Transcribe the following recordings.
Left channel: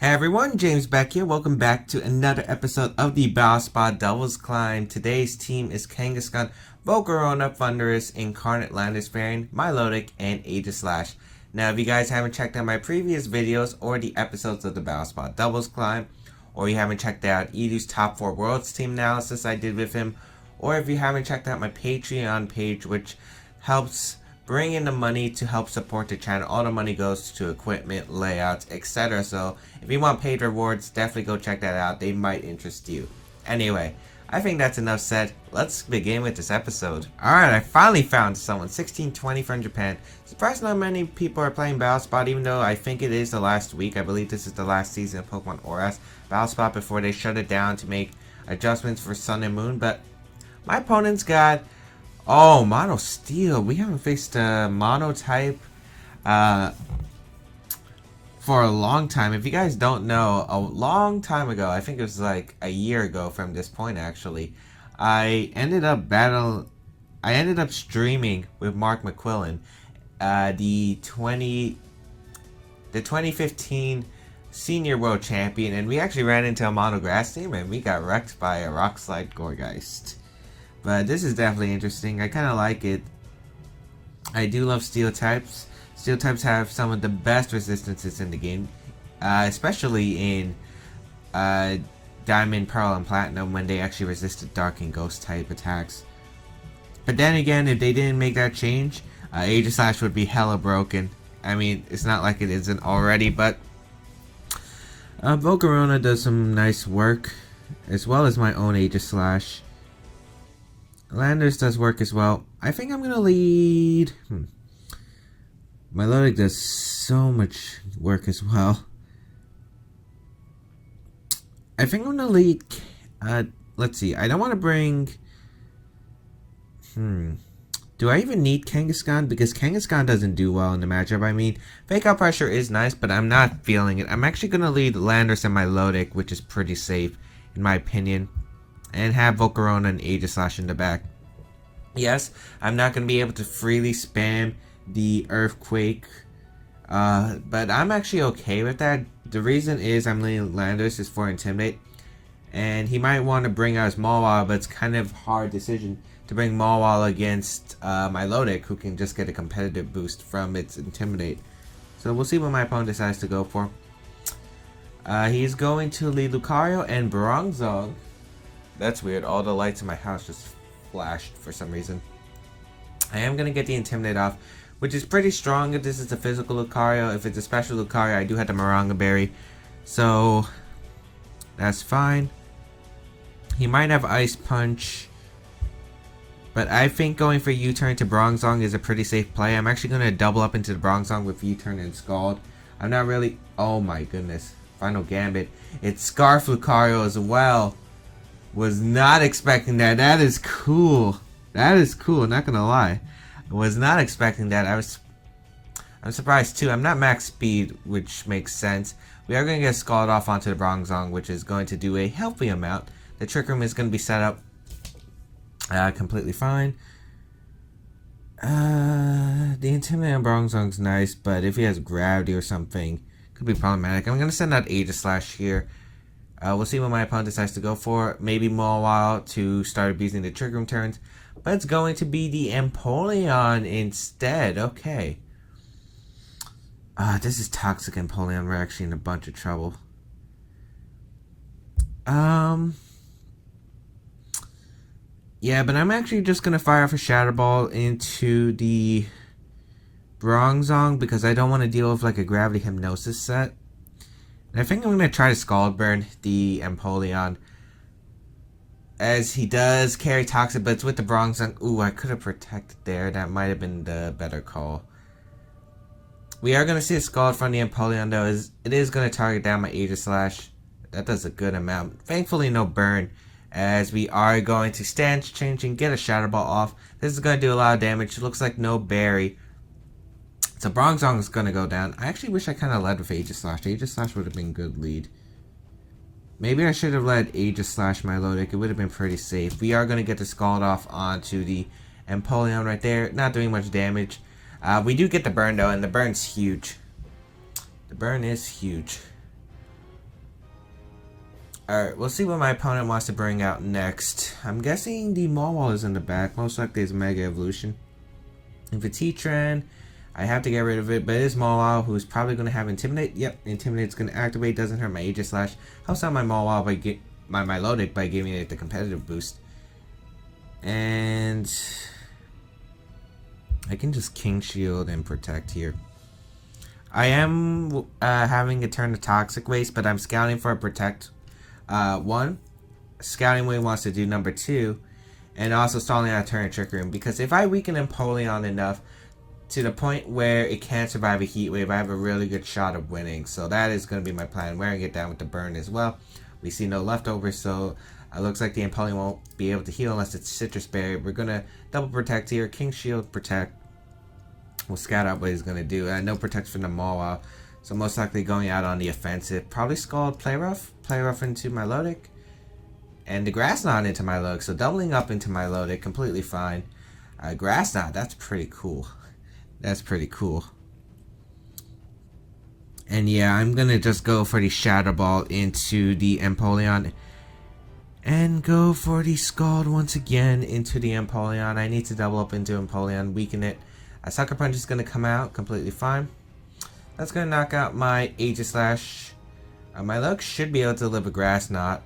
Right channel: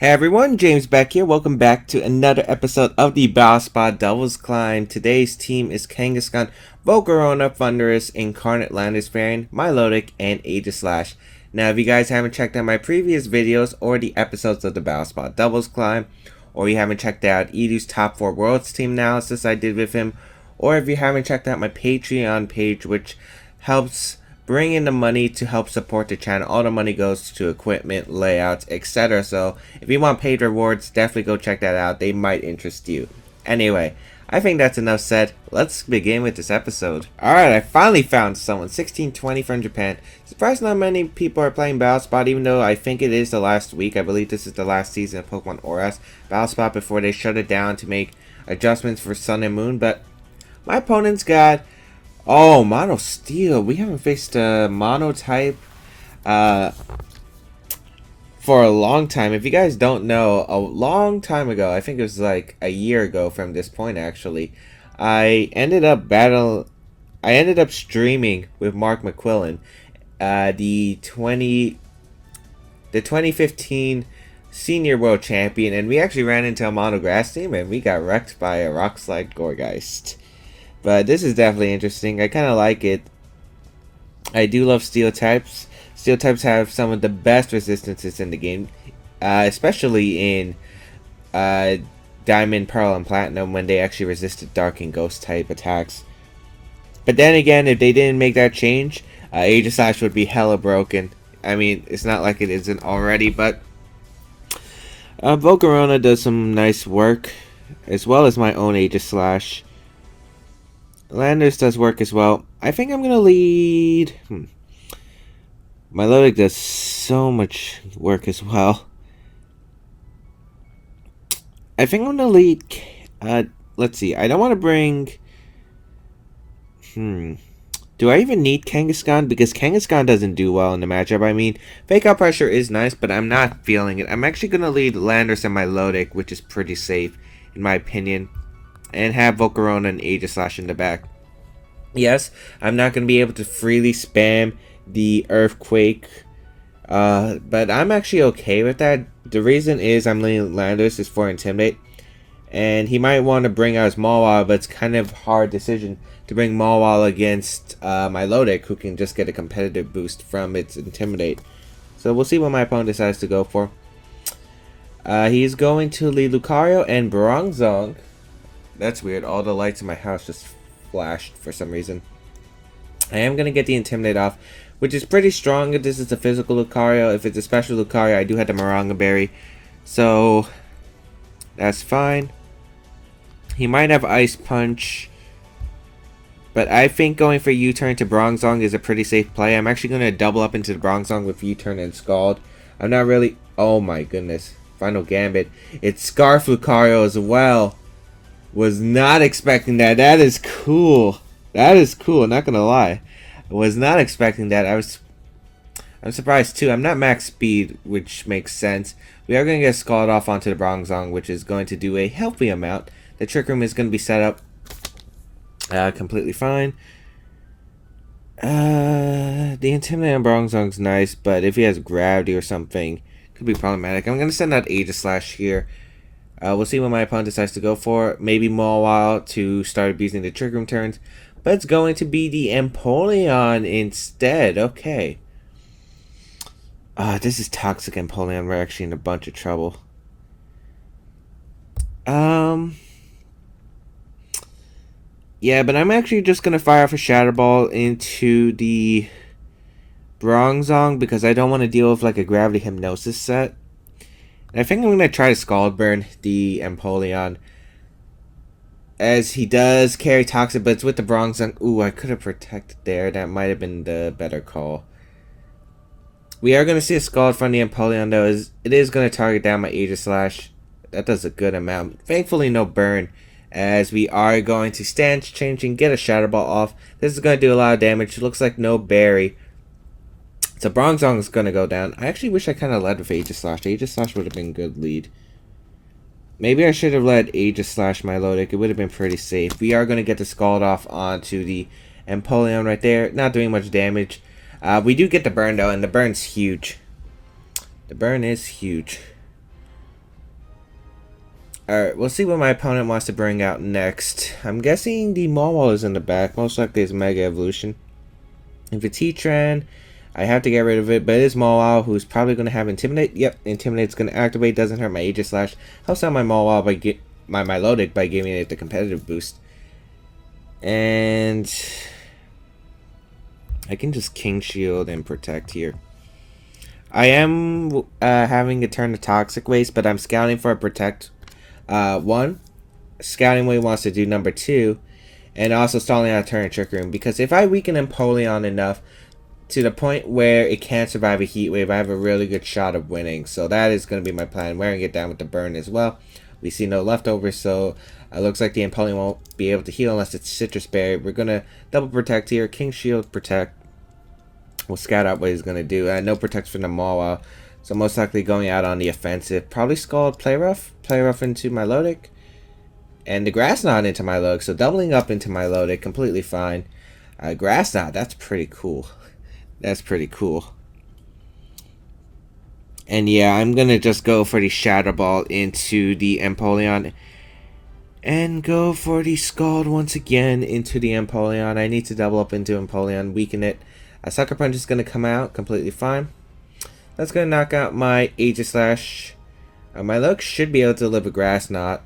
Hey everyone, James Baek here. Welcome back to another episode of the Bowspot Devil's Climb. Today's team is Kangaskhan, Volcarona, Thunderous, Incarnate Landorus-Therian, Milotic, and Aegislash. Now, if you guys haven't checked out my previous videos or the episodes of the Bowspot Devil's Climb, or you haven't checked out Edu's Top 4 Worlds team analysis I did with him, or if you haven't checked out my Patreon page, which helps bring in the money to help support the channel. All the money goes to equipment, layouts, etc. So if you want paid rewards, definitely go check that out. They might interest you. Anyway, I think that's enough said. Let's begin with this episode. Alright, I finally found someone. 1620 from Japan. Surprised not many people are playing Battlespot, even though I think it is the last week. I believe this is the last season of Pokemon Auras Battlespot before they shut it down to make adjustments for Sun and Moon. But my opponent's got... Oh, Mono Steel. We haven't faced a Mono type for a long time. If you guys don't know, a long time ago, I think it was like a year ago from this point actually, I ended up streaming with Mark McQuillan, the 2015 Senior World Champion, and we actually ran into a Mono Grass team and we got wrecked by a Rock Slide Gourgeist. But this is definitely interesting. I kind of like it. I do love steel types. Steel types have some of the best resistances in the game, especially in Diamond, Pearl, and Platinum when they actually resisted Dark and Ghost type attacks. But then again, if they didn't make that change, Aegislash would be hella broken. I mean, it's not like it isn't already, but Volcarona does some nice work, as well as my own Aegislash. Landers does work as well. I think I'm going to lead... Milotic does so much work as well. I think I'm going to lead... let's see. I don't want to bring... Do I even need Kangaskhan? Because Kangaskhan doesn't do well in the matchup. I mean, Fake Out Pressure is nice, but I'm not feeling it. I'm actually going to lead Landers and Milotic, which is pretty safe, in my opinion. And have Volcarona and Aegislash in the back. Yes, I'm not going to be able to freely spam the Earthquake, but I'm actually okay with that. The reason is I'm leaning Landorus is for Intimidate, and he might want to bring out his Mawile, but it's kind of a hard decision to bring Mawile against Milotic, who can just get a competitive boost from its Intimidate. So we'll see what my opponent decides to go for. He's going to lead Lucario and Bronzong. That's weird. All the lights in my house just flashed for some reason. I am going to get the Intimidate off, which is pretty strong if this is a physical Lucario. If it's a special Lucario, I do have the Maranga Berry. So, that's fine. He might have Ice Punch. But I think going for U-Turn to Bronzong is a pretty safe play. I'm actually going to double up into the Bronzong with U-Turn and Scald. I'm not really... Oh my goodness. Final Gambit. It's Scarf Lucario as well. Was not expecting that. That is cool. That is cool, not gonna lie. I was not expecting that. I'm surprised too. I'm not max speed, which makes sense. We are gonna get Scald off onto the Bronzong, which is going to do a healthy amount. The Trick Room is gonna be set up completely fine. The Intimidate on Bronzong's nice, but if he has Gravity or something, could be problematic. I'm gonna send out Aegislash here. We'll see what my opponent decides to go for. Maybe Mawile to start abusing the Trick Room turns. But it's going to be the Empoleon instead. Okay. This is Toxic Empoleon. We're actually in a bunch of trouble. Yeah, but I'm actually just going to fire off a Shadow Ball into the Bronzong because I don't want to deal with like a Gravity Hypnosis set. I think I'm going to try to Scald Burn the Empoleon, as he does carry Toxic, but it's with the Bronzong. Ooh, I could have protected there. That might have been the better call. We are going to see a Scald from the Empoleon, though. It is going to target down my Aegislash. That does a good amount. Thankfully, no burn, as we are going to stance change and get a Shadow Ball off. This is going to do a lot of damage. It looks like no Berry. So Bronzong is going to go down. I actually wish I kind of led with Aegislash. Aegislash would have been a good lead. Maybe I should have led Aegislash Milotic. It would have been pretty safe. We are going to get the Scald off onto the Empoleon right there. Not doing much damage. We do get the burn though, and the burn's huge. The burn is huge. Alright, we'll see what my opponent wants to bring out next. I'm guessing the Mawile is in the back. Most likely it's Mega Evolution. If it's Heatran, I have to get rid of it, but it is Mawile, who's probably going to have Intimidate. Yep, Intimidate's going to activate, doesn't hurt my Aegislash. Helps out my Mawile by my Milotic by giving it the competitive boost. And I can just King Shield and Protect here. I am having a turn to Toxic Waste, but I'm scouting for a Protect. One, Scouting Wave wants to do number 2, and also stalling out a turn Trick Room, because if I weaken Empoleon enough to the point where it can't survive a Heat Wave, I have a really good shot of winning. So that is going to be my plan, wearing it down with the burn as well. We see no leftovers, so it looks like the Empoleon won't be able to heal unless it's Citrus Berry. We're going to double Protect here, King Shield, Protect. We'll scout out what he's going to do. No Protect from the Mawile, so most likely going out on the offensive. Probably Scald, Play Rough into Milotic, and the Grass Knot into Milotic, so doubling up into Milotic, completely fine. Grass Knot, that's pretty cool. That's pretty cool. And yeah, I'm going to just go for the Shadow Ball into the Empoleon. And go for the Scald once again into the Empoleon. I need to double up into Empoleon, weaken it. A Sucker Punch is going to come out, completely fine. That's going to knock out my Aegislash. My luck should be able to live a Grass Knot.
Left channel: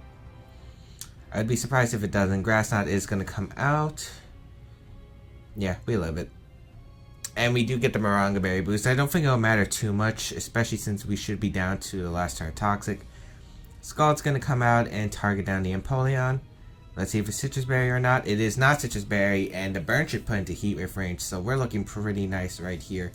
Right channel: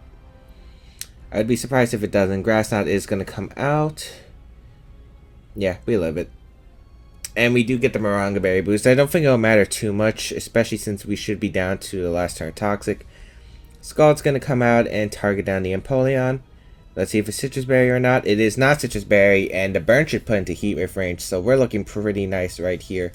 I'd be surprised if it doesn't. Grass Knot is going to come out. Yeah, we live it. And we do get the Maranga Berry boost. I don't think it'll matter too much, especially since we should be down to the last turn Toxic. Scald's going to come out and target down the Empoleon. Let's see if it's Citrus Berry or not. It is not Citrus Berry, and the burn should put into Heat Wave range, so we're looking pretty nice right here.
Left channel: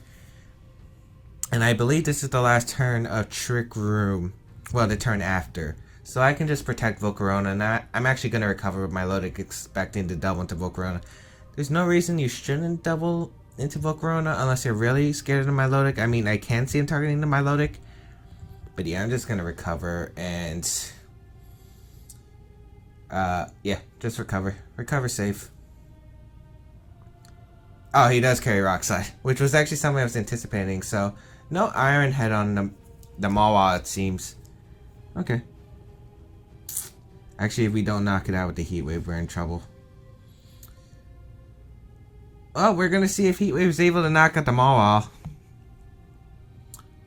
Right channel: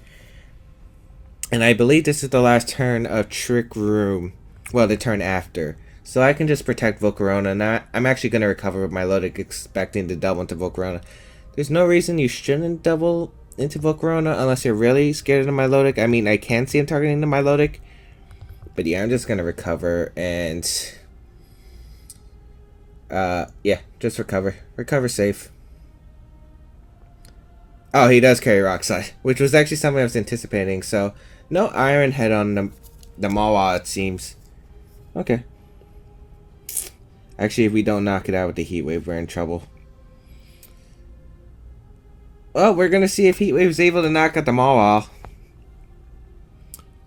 And I believe this is the last turn of Trick Room. Well, the turn after. So I can just protect Volcarona, and I'm actually going to recover with Milotic, expecting to double into Volcarona. There's no reason you shouldn't double into Volcarona unless you're really scared of the Milotic. I mean, I can see him targeting the Milotic. But yeah, I'm just going to recover and... yeah, just recover. Recover safe. Oh, he does carry Rock Slide, which was actually something I was anticipating. So, no Iron Head on the Mawile, it seems. Okay. Actually, if we don't knock it out with the Heat Wave, we're in trouble. Well, we're going to see if Heat Wave is able to knock out the Mawile.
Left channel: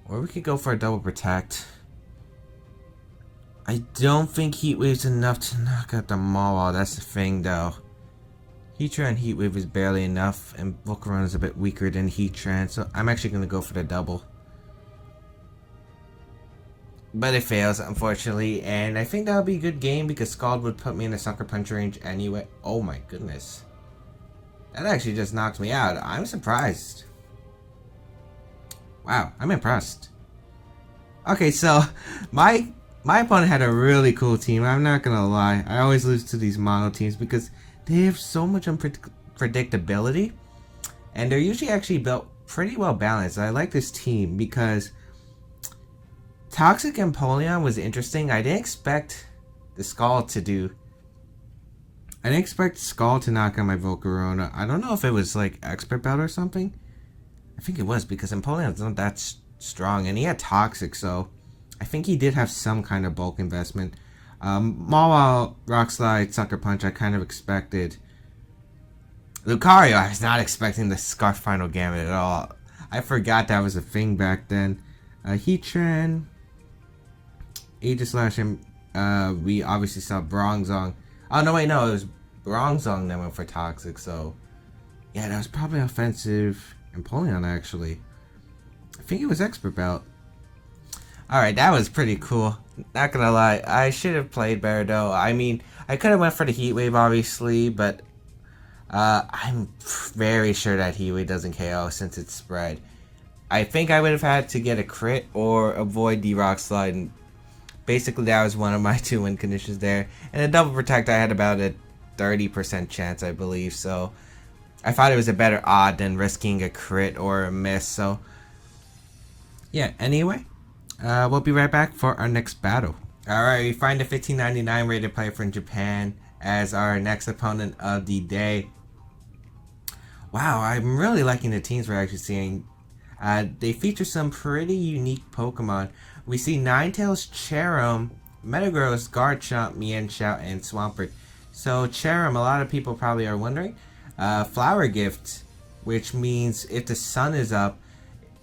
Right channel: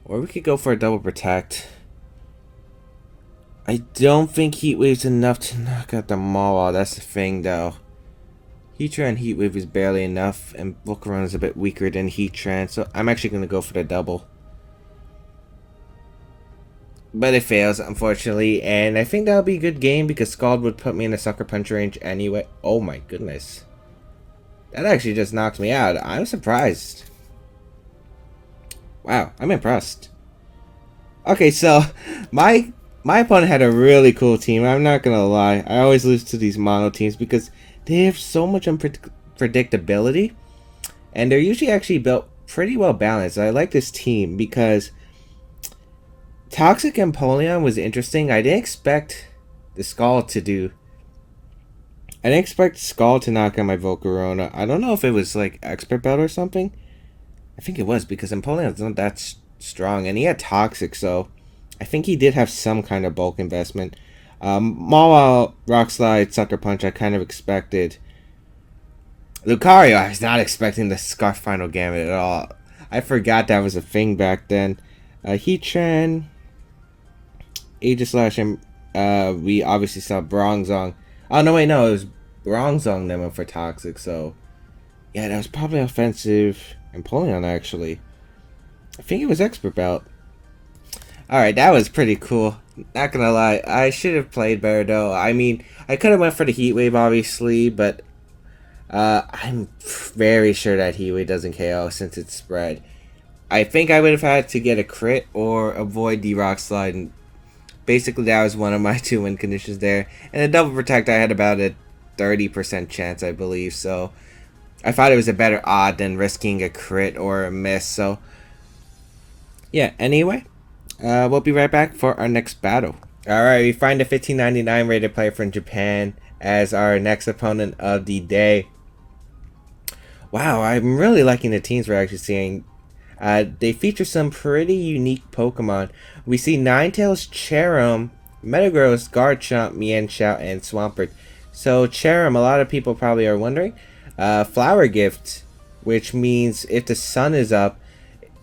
Or we could go for a double Protect. I don't think Heat Wave's enough to knock out the Mawile. That's the thing, though. Heatran Heat Wave is barely enough, and Volcarona is a bit weaker than Heatran, so I'm actually going to go for the double. But it fails, unfortunately, and I think that'll be a good game because Scald would put me in a Sucker Punch range anyway. Oh my goodness. That actually just knocked me out. I'm surprised. Wow, I'm impressed. Okay, so my opponent had a really cool team. I'm not gonna lie. I always lose to these mono teams because they have so much unpredictability, and they're usually actually built pretty well balanced. I like this team because Toxic Empoleon was interesting. I didn't expect the Scald to do. I didn't expect Scald to knock out my Volcarona. I don't know if it was like Expert Belt or something. I think it was because Empoleon's not that strong, and he had Toxic, so I think he did have some kind of bulk investment. Mawile, Rock Slide, Sucker Punch, I kind of expected. Lucario, I was not expecting the Scarf Final Gambit at all. I forgot that was a thing back then. Heatran, Aegislash, and we obviously saw Bronzong. Oh, no, wait, no, it was Bronzong that went for Toxic, so yeah, that was probably offensive. Empoleon, actually. I think it was Expert Belt. Alright, that was pretty cool. Not gonna lie, I should have played better though. I mean, I could have went for the Heat Wave, obviously, but I'm very sure that Heat Wave doesn't KO since it's spread. I think I would have had to get a crit or avoid the Rock Slide, and basically that was one of my 2 win conditions there. And a double Protect, I had about a 30% chance, I believe, so I thought it was a better odd than risking a crit or a miss. So yeah, anyway, we'll be right back for our next battle. Alright, we find a 1599 rated player from Japan as our next opponent of the day. Wow, I'm really liking the teams we're actually seeing. They feature some pretty unique Pokemon. We see Ninetales Cherum Metagross, Garchomp, Mienshao, and Swampert. So Cherim, a lot of people probably are wondering. Flower Gift, which means if the sun is up,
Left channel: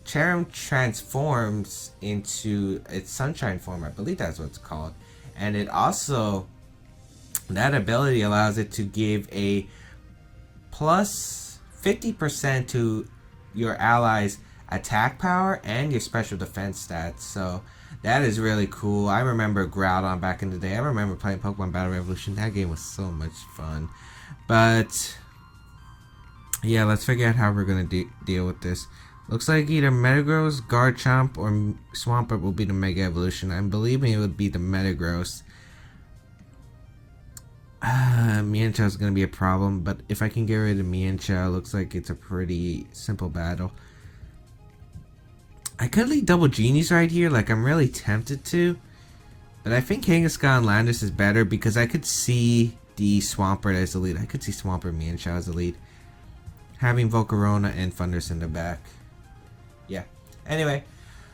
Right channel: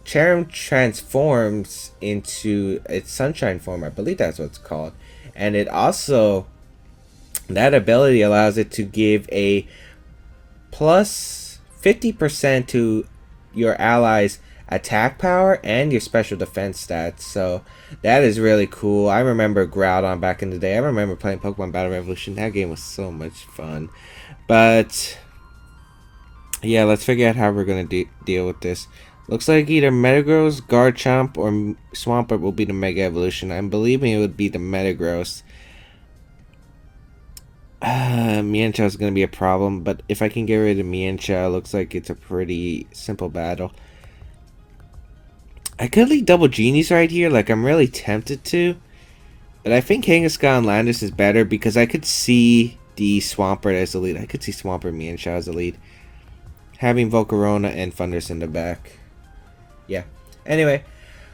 Cherim transforms into its sunshine form. I believe that's what it's called. And it also, that ability allows it to give a plus 50% to your allies' attack power and your special defense stats. So that is really cool. I remember Groudon back in the day. I remember playing Pokemon Battle Revolution. That game was so much fun. But yeah, let's figure out how we're going to deal with this. Looks like either Metagross, Garchomp, or Swampert will be the Mega Evolution. I'm believing it would be the Metagross. Mienshao is going to be a problem, but if I can get rid of Mienshao, looks like it's a pretty simple battle. I could lead Double Genies right here, like I'm really tempted to. But I think Kangaskhan Landorus is better because I could see the Swampert as the lead. I could see Swampert Mienshao as the lead. Having Volcarona and Thundurus in the back. Yeah. Anyway,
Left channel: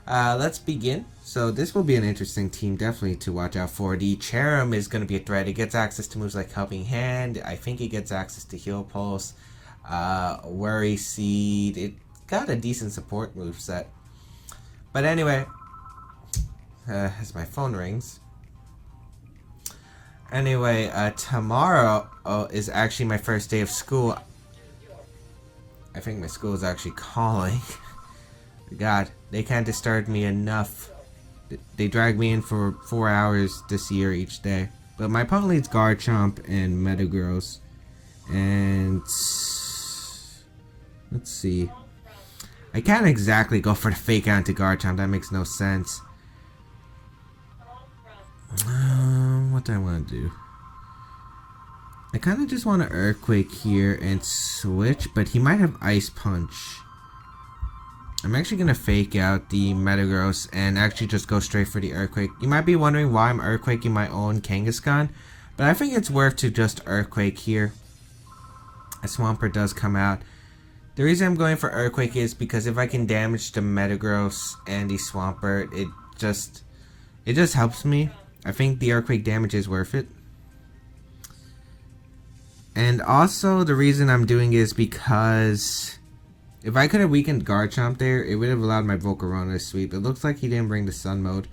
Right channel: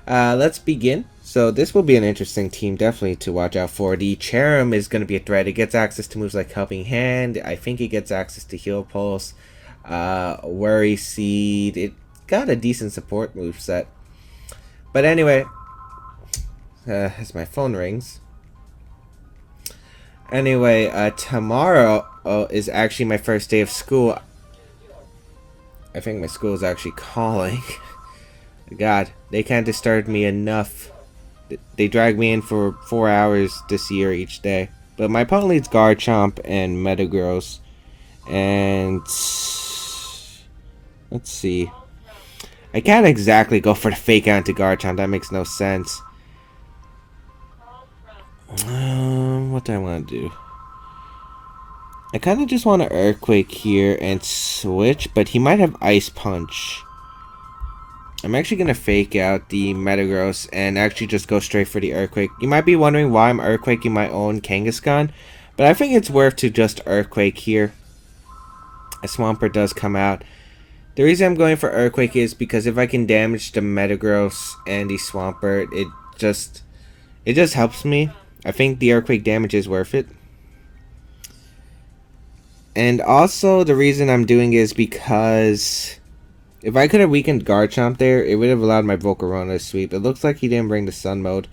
let's begin. So this will be an interesting team definitely to watch out for. The Cherim is going to be a threat. It gets access to moves like Helping Hand. I think it gets access to Heal Pulse. Worry Seed. It got a decent support move set. But anyway, as my phone rings. Anyway, tomorrow is actually my first day of school. I think my school is actually calling. God, they can't disturb me enough. They drag me in for 4 hours this year each day. But my opponent leads Garchomp and Metagross. And let's see. I can't exactly go for the fake out into Garchomp. That makes no sense. What do I want to do? I kind of just want to Earthquake here and switch, but he might have Ice Punch. I'm actually going to fake out the Metagross and actually just go straight for the Earthquake. You might be wondering why I'm Earthquaking my own Kangaskhan, but I think it's worth to just Earthquake here. A Swampert does come out. The reason I'm going for Earthquake is because if I can damage the Metagross and the Swampert, it just helps me. I think the Earthquake damage is worth it. And also the reason I'm doing is because if I could have weakened Garchomp there, it would have allowed my Volcarona to sweep. It looks like he didn't bring the Sun mode.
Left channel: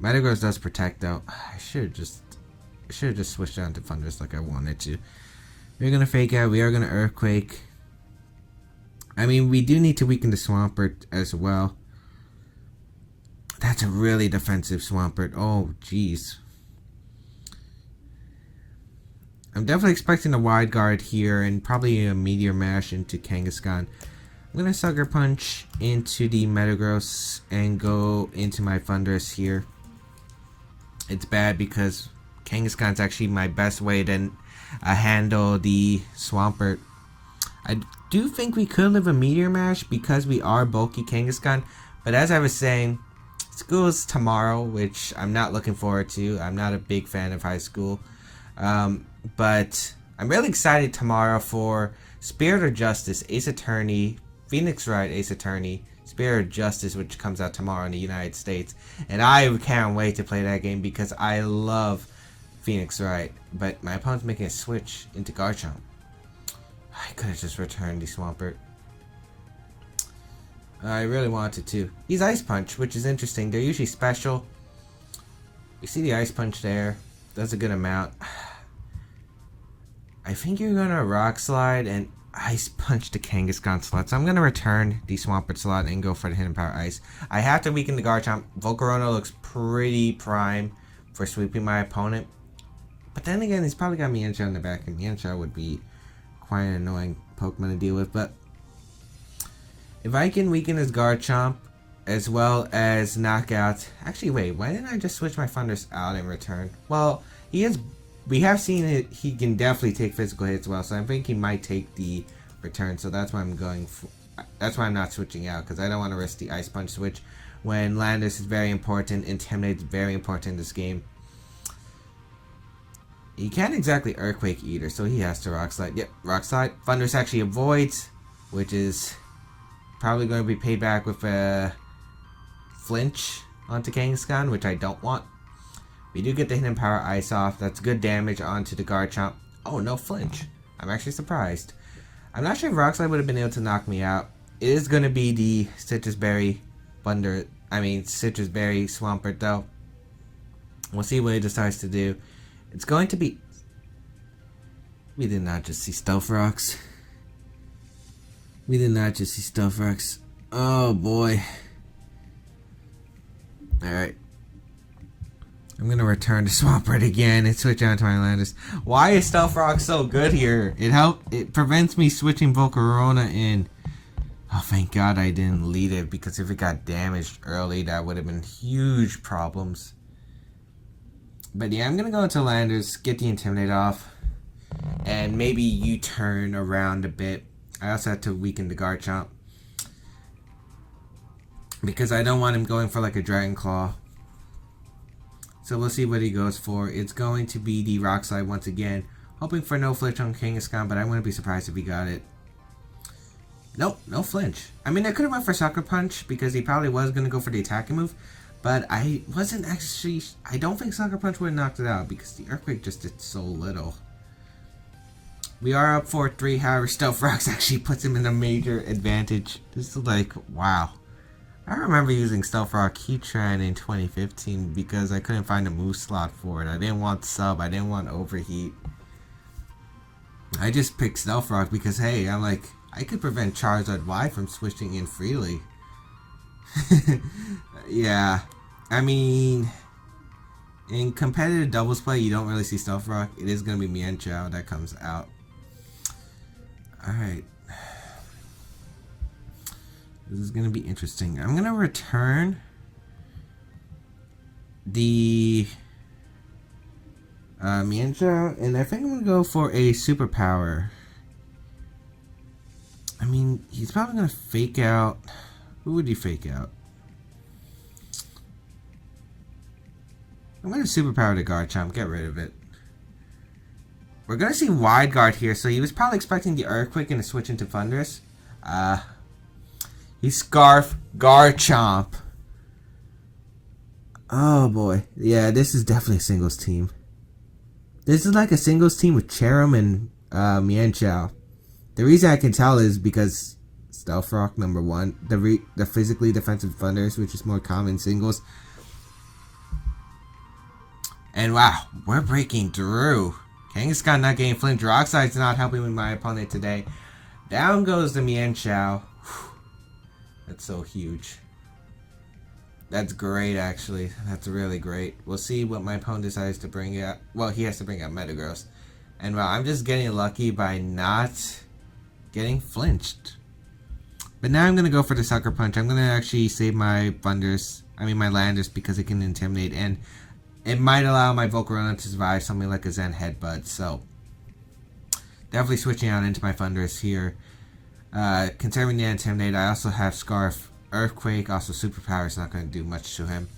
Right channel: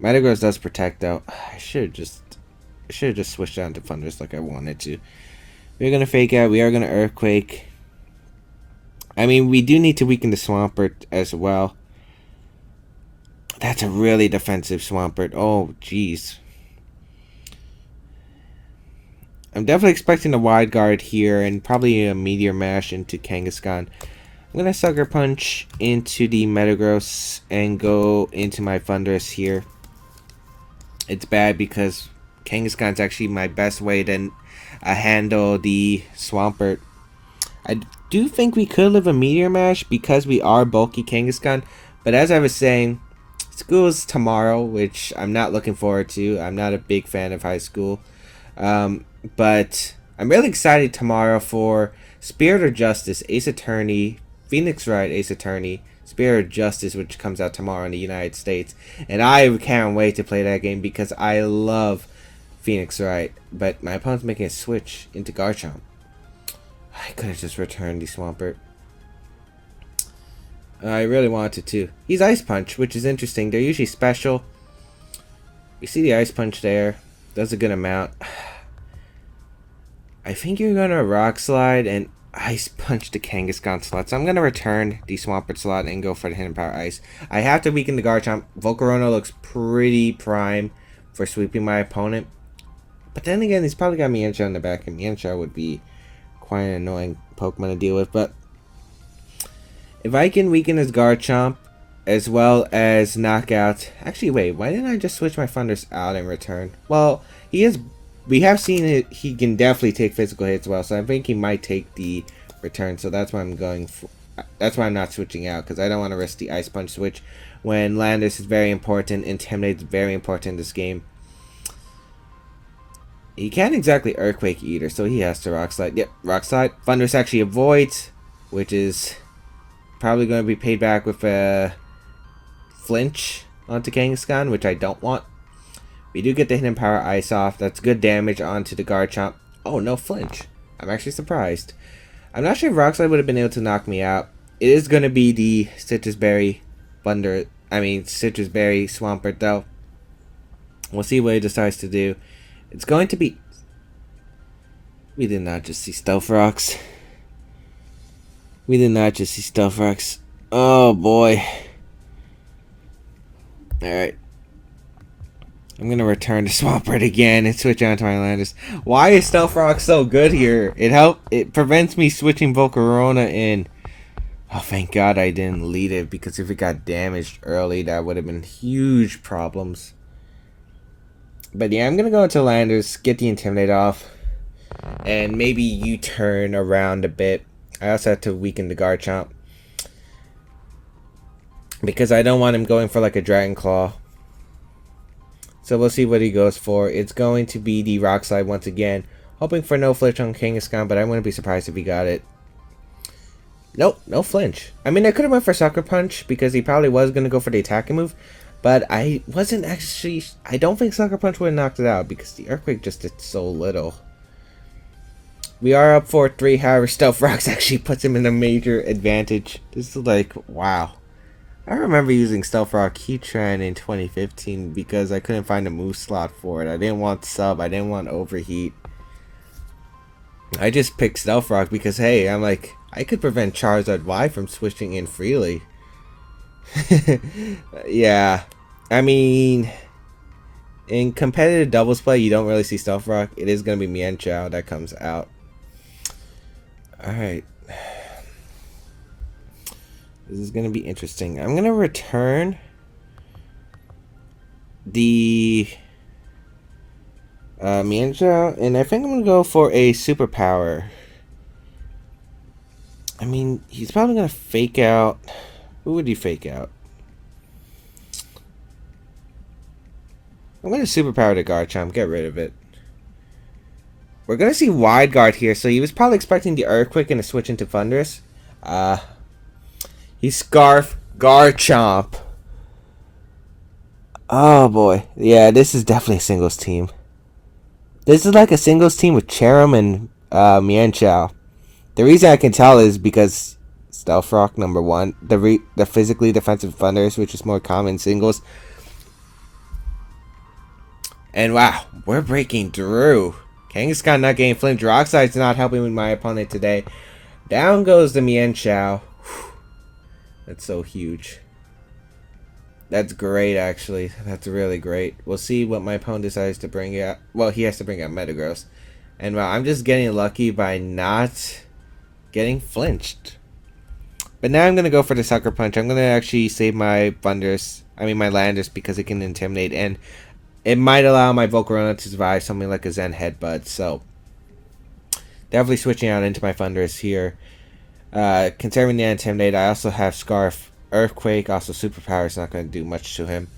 Metagross does protect though. I should have just switched down to Thundurus like I wanted to. We're gonna fake out. We are gonna Earthquake. I mean, we do need to weaken the Swampert as well. That's a really defensive Swampert. Oh, jeez. I'm definitely expecting a Wide Guard here and probably a Meteor Mash into Kangaskhan. I'm going to Sucker Punch into the Metagross and go into my Thundurus here. It's bad because Kangaskhan's actually my best way to handle the Swampert. I do think we could live a Meteor Mash because we are bulky Kangaskhan, but as I was saying, school's tomorrow, which I'm not looking forward to. I'm not a big fan of high school. But I'm really excited tomorrow for Spirit of Justice, Ace Attorney, Phoenix Wright, Ace Attorney, Spirit of Justice, which comes out tomorrow in the United States. And I can't wait to play that game because I love Phoenix Wright. But my opponent's making a switch into Garchomp. I could have just returned the Swampert. I really wanted to. He's Ice Punch, which is interesting. They're usually special. You see the Ice Punch there. Does a good amount. I think you're going to Rock Slide and Ice Punch the Kangaskhan slot. So I'm going to return the Swampert slot and go for the Hidden Power Ice. I have to weaken the Garchomp. Volcarona looks pretty prime for sweeping my opponent. But then again, he's probably got Mienshao in the back. And Mienshao would be quite an annoying Pokemon to deal with. But if I can weaken his Garchomp as well as knock out... Actually, wait. Why didn't I just switch my Thundurus out in return? Well, he is... We have seen it. He can definitely take physical hits well, so I think he might take the return. So that's why I'm going for. That's why I'm not switching out because I don't want to risk the Ice Punch switch when Landorus is very important. Intimidate is very important in this game. He can't exactly Earthquake either, so he has to Rock Slide. Yep, Rock Slide. Thundurus actually avoids, which is probably going to be paid back with a flinch onto Kangaskhan, which I don't want. We do get the Hidden Power Ice off. That's good damage onto the Garchomp. Oh, no flinch. I'm actually surprised. I'm not sure if Rock Slide would have been able to knock me out. It is going to be the Citrus Berry Citrus Berry Swampert, though. We'll see what he decides to do. It's going to be... We did not just see Stealth Rocks. We did not just see Stealth Rocks. Oh, boy. Alright. I'm going to return to Swampert again and switch on to my Landorus. Why is Stealth Rock so good here? It prevents me switching Volcarona in. Oh, thank God I didn't lead it, because if it got damaged early, that would have been huge problems. But yeah, I'm going to go into Landorus, get the Intimidate off, and maybe U-turn around a bit. I also have to weaken the Garchomp, because I don't want him going for like a Dragon Claw. So we'll see what he goes for. It's going to be the Rock Slide once again. Hoping for no flinch on Kangaskhan, but I wouldn't be surprised if he got it. Nope, no flinch. I mean, I could have went for Sucker Punch, because he probably was going to go for the attacking move. But I wasn't actually... I don't think Sucker Punch would have knocked it out, because the Earthquake just did so little. We are up 4-3, however, Stealth Rocks actually puts him in a major advantage. This is like, wow. I remember using Stealth Rock Heatran in 2015 because I couldn't find a move slot for it. I didn't want Sub, I didn't want Overheat. I just picked Stealth Rock because, hey, I'm like, I could prevent Charizard Y from switching in freely. Yeah, I mean, in competitive doubles play, you don't really see Stealth Rock. It is going to be Mienshao that comes out. Alright. This is going to be interesting. I'm going to return the Mienshao, and I think I'm going to go for a superpower. I mean, he's probably going to fake out. Who would he fake out? I'm going to superpower the Garchomp. Get rid of it. We're going to see Wide Guard here, so he was probably expecting the Earthquake and to switch into Thunderous. He Scarf Garchomp. Oh boy. Yeah, this is definitely a singles team. This is like a singles team with Cherim and Mienshao. The reason I can tell is because Stealth Rock, number one. The physically defensive Thunderous, which is more common singles. And wow, we're breaking through. Kangaskhan not getting flinched. Rock Slide's not helping with my opponent today. Down goes the Mienshao. That's so huge. That's great, actually. That's really great. We'll see what my opponent decides to bring out. Well, he has to bring out Metagross. And wow, I'm just getting lucky by not getting flinched. But now I'm going to go for the Sucker Punch. I'm going to actually save my Thunderous. I mean, my Landorus, because it can Intimidate. And it might allow my Volcarona to survive something like a Zen Headbutt. So, definitely switching out into my Thunderous here. Conserving the Intimidate, I also have Scarf, Earthquake, also Superpower is not going to do much to him.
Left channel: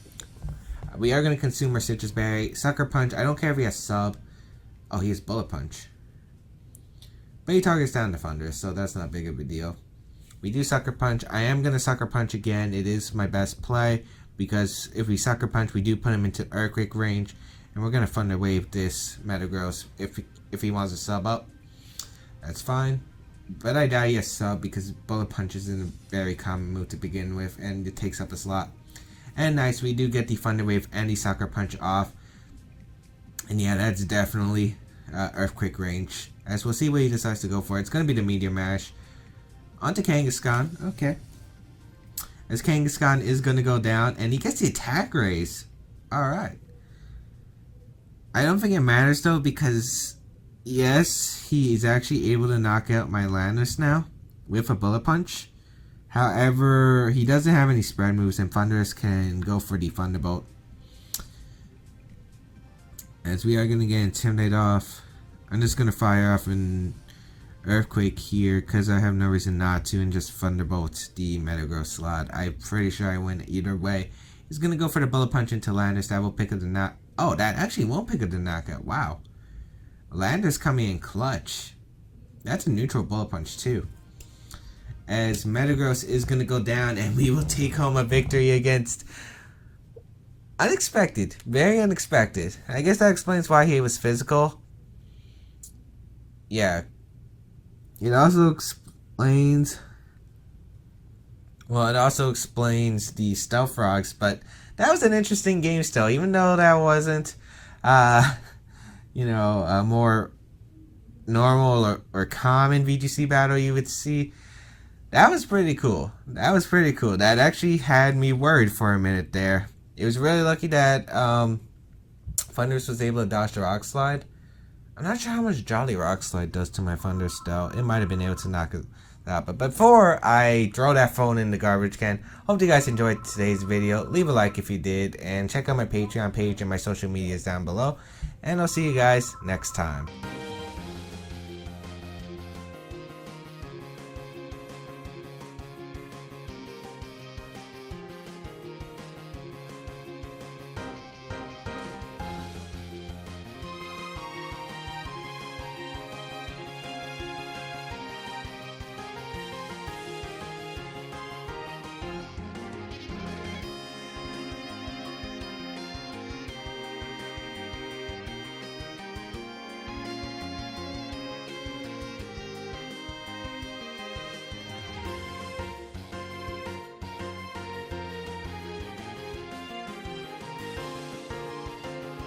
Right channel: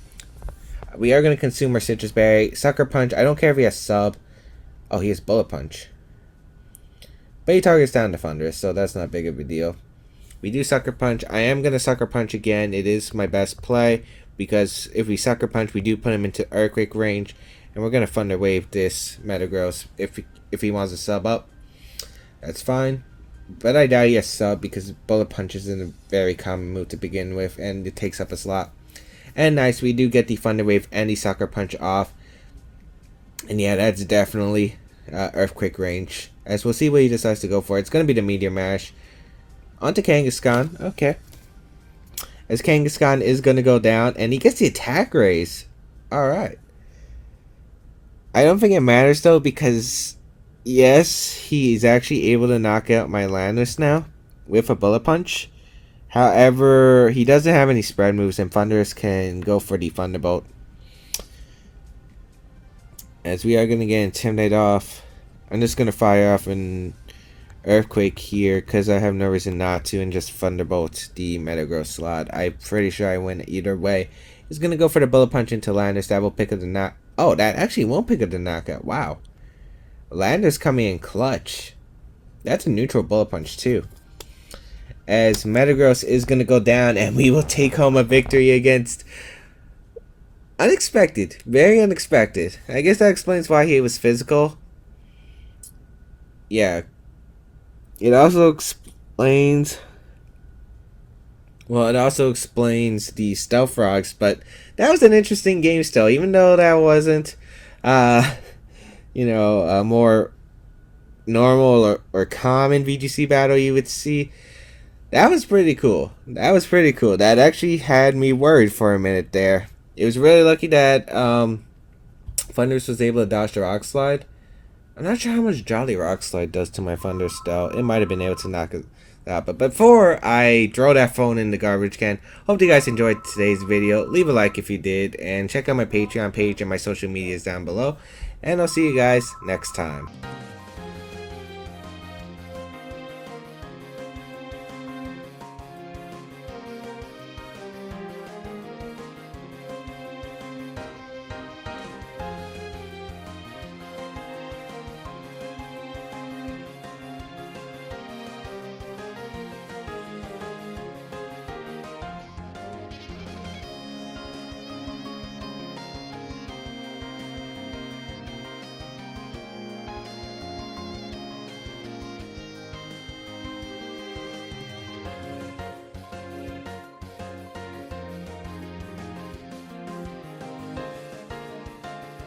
We are going to consume our Citrus Berry. Sucker Punch, I don't care if he has Sub. Oh, he has Bullet Punch. But he targets down to Thunderous, so that's not big of a deal. We do Sucker Punch. I am going to Sucker Punch again. It is my best play, because if we Sucker Punch, we do put him into Earthquake range. And we're going to Thunder Wave this Metagross if he wants to sub up. That's fine. But I doubt he has Sub, because Bullet Punch is in a very common move to begin with, and it takes up a slot. And nice, we do get the Thunder Wave and the Sucker Punch off. And yeah, that's definitely Earthquake range. As we'll see what he decides to go for. It's going to be the Meteor Mash. Onto Kangaskhan. Okay. As Kangaskhan is going to go down, and he gets the Attack Raise. Alright. I don't think it matters, though, because... yes, he's actually able to knock out my Landorus now with a Bullet Punch. However, he doesn't have any spread moves, and Thunderous can go for the Thunderbolt. As we are going to get Intimidate off, I'm just going to fire off an Earthquake here because I have no reason not to, and just Thunderbolt the Metagross slot. I'm pretty sure I win either way. He's going to go for the Bullet Punch into Landorus. That will pick up the knock. Oh, that actually won't pick up the knockout. Wow. Landorus coming in clutch. That's a neutral Bullet Punch too. As Metagross is going to go down, and we will take home a victory against Unexpected. Very unexpected. I guess that explains why he was physical. Yeah. It also explains... Well, it also explains the stealth frogs, but that was an interesting game still, even though that wasn't, uh, a more normal or common VGC battle you would see. That was pretty cool. That was pretty cool. That actually had me worried for a minute there. It was really lucky that Thundurus was able to dodge the Rock Slide. I'm not sure how much Jolly Rock Slide does to my Thundurus though. It might have been able to knock it out. But before I throw that phone in the garbage can, hope you guys enjoyed today's video. Leave a like if you did. And check out my Patreon page and my social medias down below. And I'll see you guys next time.